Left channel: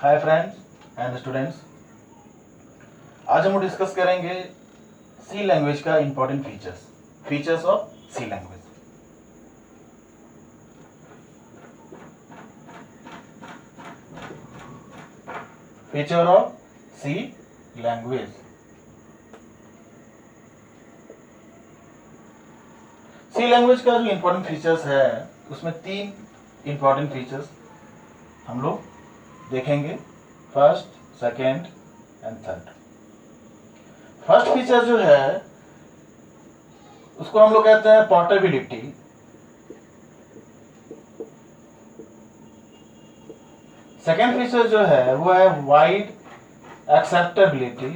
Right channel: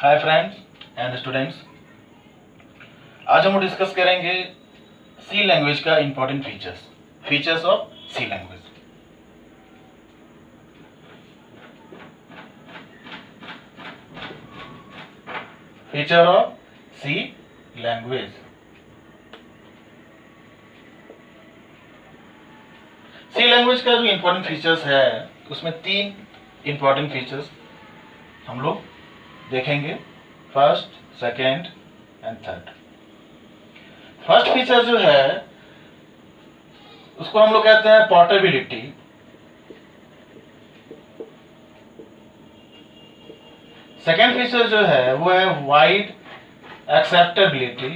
Hi friends and students, आज हम discuss करेंगे सी लैंग्वेज का important features of C language. Feature of C language. C language का जो इंपॉर्टेंट फीचर्स है उसमें 3 इंपॉर्टेंट फीचर्स हम लोग देखेंगे, first, second and third. First feature जो है उसको हम लोग कहते हैं पोर्टेबिलिटी। सेकेंड फीचर जो है वो है वाइड एक्सेप्टेबिलिटी।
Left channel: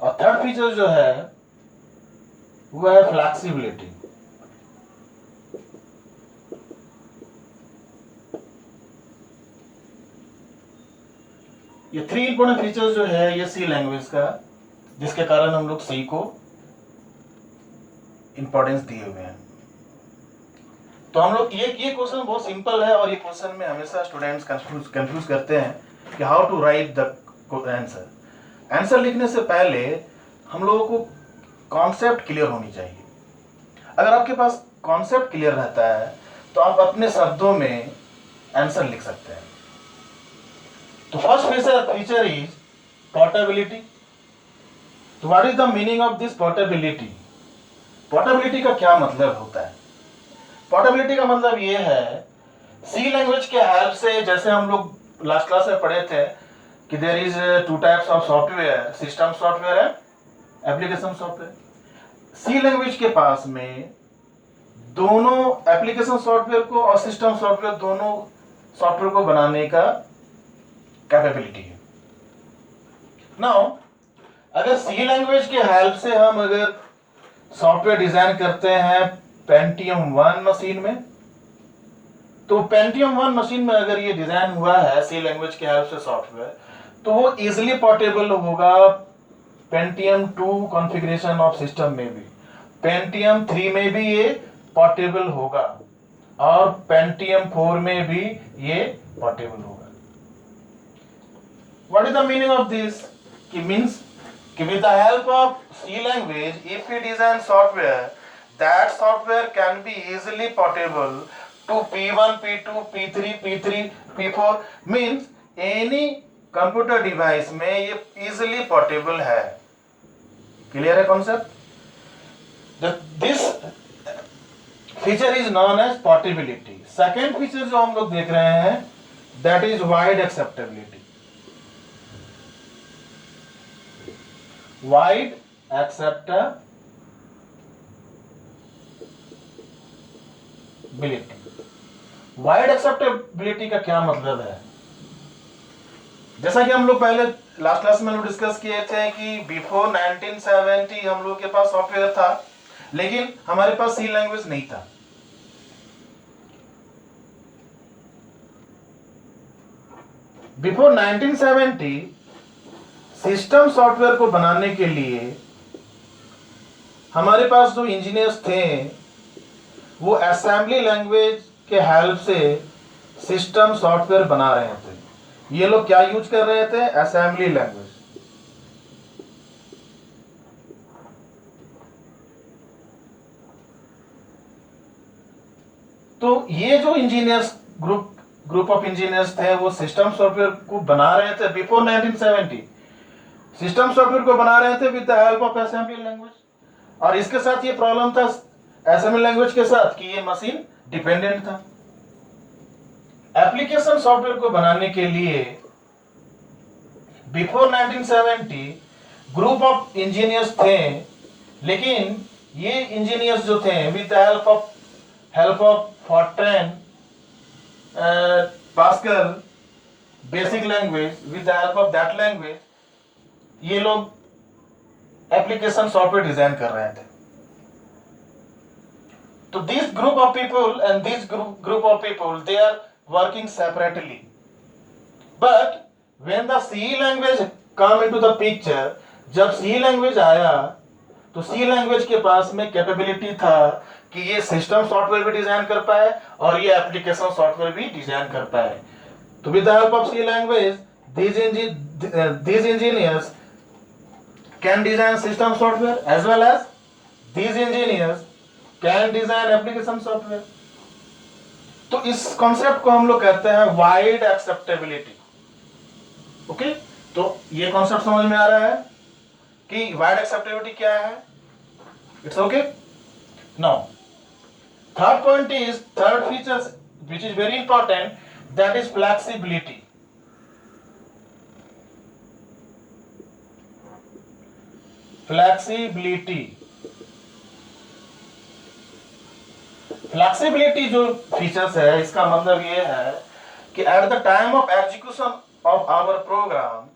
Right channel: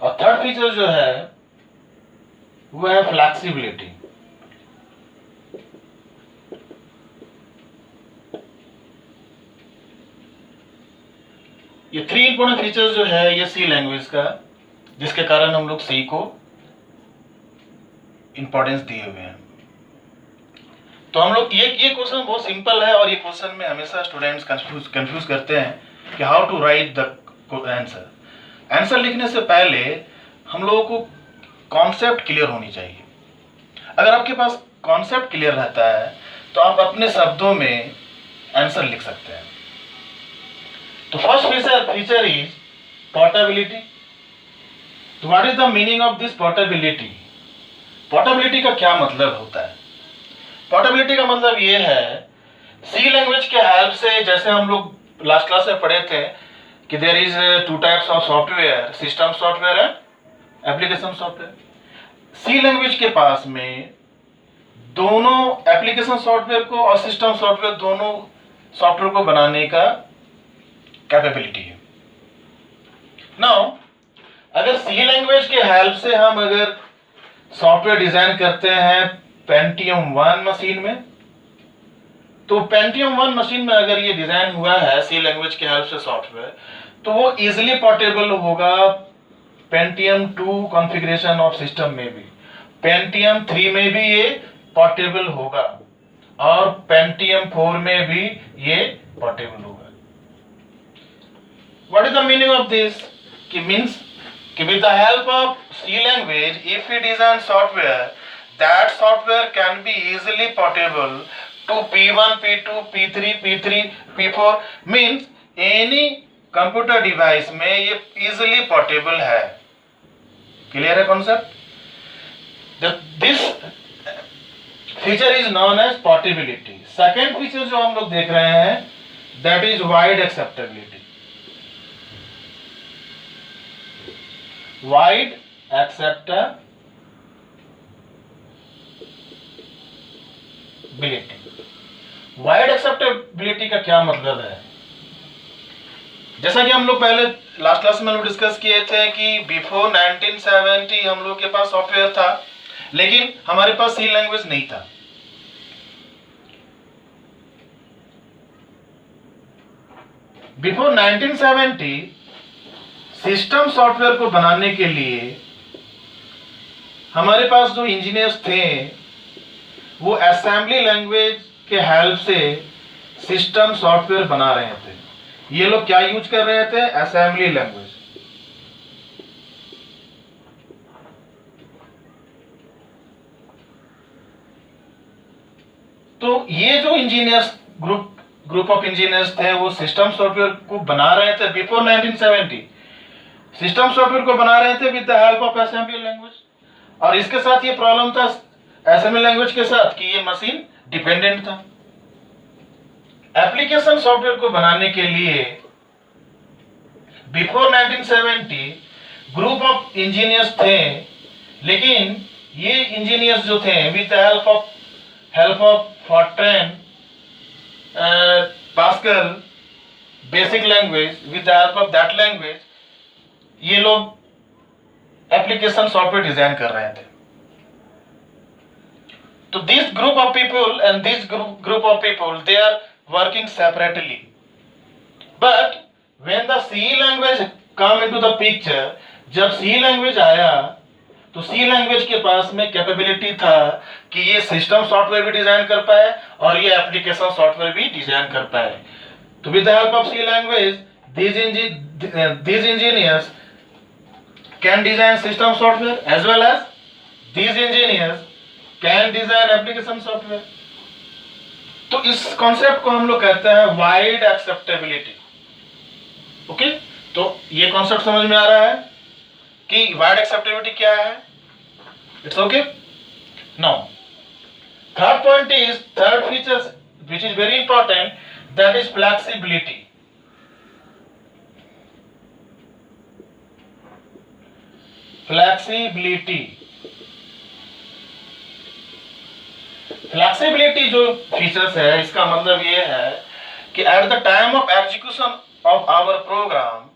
और थर्ड फीचर जो है वो है फ्लेक्सिबिलिटी। ये 3 इंपॉर्टेंट फीचर्स जो है ये सी लैंग्वेज का, जिसके कारण हम लोग सी को इंपॉर्टेंस दिए हुए हैं। तो हम लोग ये क्वेश्चन बहुत सिंपल है और ये क्वेश्चन में हमेशा स्टूडेंट्स कंफ्यूज करते हैं कि how to write the answer लिखने से पहले हम लोगों को कॉन्सेप्ट क्लियर होनी चाहिए। अगर आपके पास कॉन्सेप्ट क्लियर रहता है तो आप अपने शब्दों में आंसर लिख सकते हैं। तो फर्स्ट फीचर इज पोर्टेबिलिटी। तो what is the meaning of this portability? Portability का क्या मतलब होता है? पोर्टेबिलिटी का मतलब ये है सी लैंग्वेज के हेल्प से, जैसे हम लोग लास्ट क्लास में पढ़े थे कि there is 2 types of software, system software and application software. C language के पास में दोनों एप्लीकेशन सॉफ्टवेयर को और सिस्टम सॉफ्टवेयर, दोनों सॉफ्टवेयर को बनाने का कैपेबिलिटी है। नाउ अगर सी लैंग्वेज के हेल्प से हम अगर सॉफ्टवेयर डिजाइन करते हैं पेंटियम 1 मशीन में, तो पेंटियम 1 मशीन में अगर ये डिजाइन हुआ है सी लैंग्वेज के हेल्प से सॉफ्टवेयर, तो वो इजीली पोर्टेबल होगा पेंटियम 2 कॉन्फ़िगरेशन ऑफ सिस्टम में भी, पेंटियम 3 में भी ये पोर्टेबल होगा और पेंटियम 4 में भी ये पोर्टेबल होगा। What is the meaning of this? Means with the help of C language, if we design software, that software can be easily portable to P1, P2, P3, P3, P4. Means any computer device में ये easily portable है। Clear है concept? This feature is known as portability. Second feature जो हम लोग देख रहे हैं that is wide acceptability. Wide acceptability. Wide acceptability का क्या मतलब है? जैसा कि हम लोग पहले लास्ट क्लास में डिस्कस किए थे कि बिफोर 1970 हम लोग के पास सॉफ्टवेयर था, लेकिन हमारे पास सी लैंग्वेज नहीं था। बिफोर 1970 सिस्टम सॉफ्टवेयर को बनाने के लिए हमारे पास जो इंजीनियर्स थे वो असेंबली लैंग्वेज के हेल्प से सिस्टम सॉफ्टवेयर बना रहे थे। ये लोग क्या यूज कर रहे थे? Assembly language. तो ये जो इंजीनियर्स ग्रुप ऑफ इंजीनियर्स थे वो सिस्टम सॉफ्टवेयर को बना रहे थे बिफोर 1970। सिस्टम सॉफ्टवेयर को बना रहे थे with the help of assembly language. और इसके साथ ये प्रॉब्लम था असेंबली लैंग्वेज के साथ कि ये मशीन डिपेंडेंट था। एप्लीकेशन सॉफ्टवेयर को बनाने के लिए बिफोर 1970 ग्रुप ऑफ इंजीनियर्स थे, लेकिन ये इंजीनियर्स जो थे with the help of Fortran, Pascal, BASIC language, with the help of that language ये लोग एप्लीकेशन सॉफ्टवेयर डिजाइन कर रहे थे। तो this group of people and this group of people they are working separately, but when the C language come into the picture, जब C language आया तो सी language के पास में कैपेबिलिटी था कि ये सिस्टम सॉफ्टवेयर भी डिजाइन कर पाए और ये एप्लीकेशन सॉफ्टवेयर भी डिजाइन कर पाए। तो with the help of C language these engineers can design system software as well as these engineers can design application software। तो इस कॉन्सेप्ट को हम लोग कहते हैं वाइड एक्सेप्टेबिलिटी। ओके, तो ये कॉन्सेप्ट समझ में आ रहा है कि वाइड एक्सेप्टेबिलिटी क्या है? It's okay. Now third point is third features which is very important, that is flexibility. Flexibility flexibility जो फीचर्स है, इसका मतलब ये है कि at the time of execution of our program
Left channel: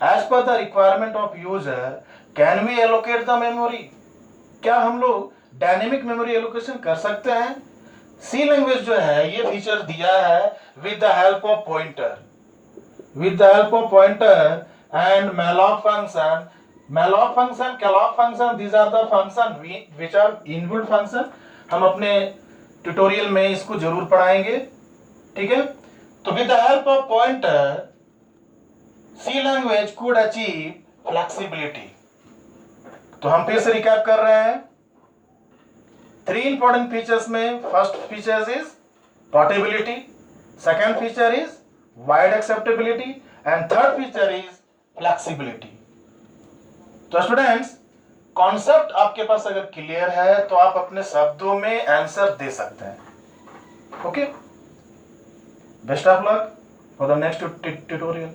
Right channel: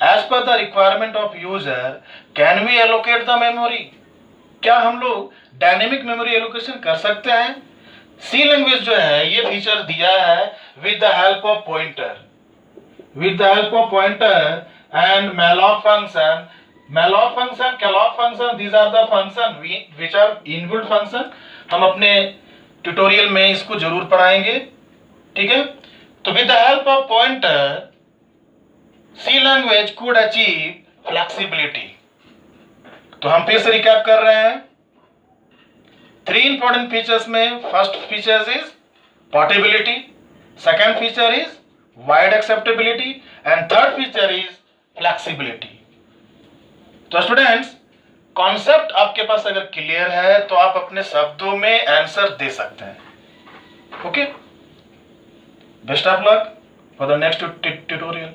as per the requirement of user can we allocate the memory. क्या हम लोग डायनेमिक मेमोरी एलोकेशन कर सकते हैं? सी लैंग्वेज जो है ये फीचर दिया है with the help of pointer, with the help of pointer and malloc function, calloc function, these are the function which are inbuilt function। हम अपने ट्यूटोरियल में इसको जरूर पढ़ाएंगे, ठीक है। तो with the help of pointer C language could achieve flexibility। तो हम फिर से रिकैप कर रहे हैं। 3 इंपॉर्टेंट फीचर्स में first feature is portability, second feature is wide acceptability and third feature is flexibility. तो स्टूडेंट्स, कॉन्सेप्ट आपके पास अगर क्लियर है तो आप अपने शब्दों में आंसर दे सकते हैं। Okay, best of luck for the next tutorial.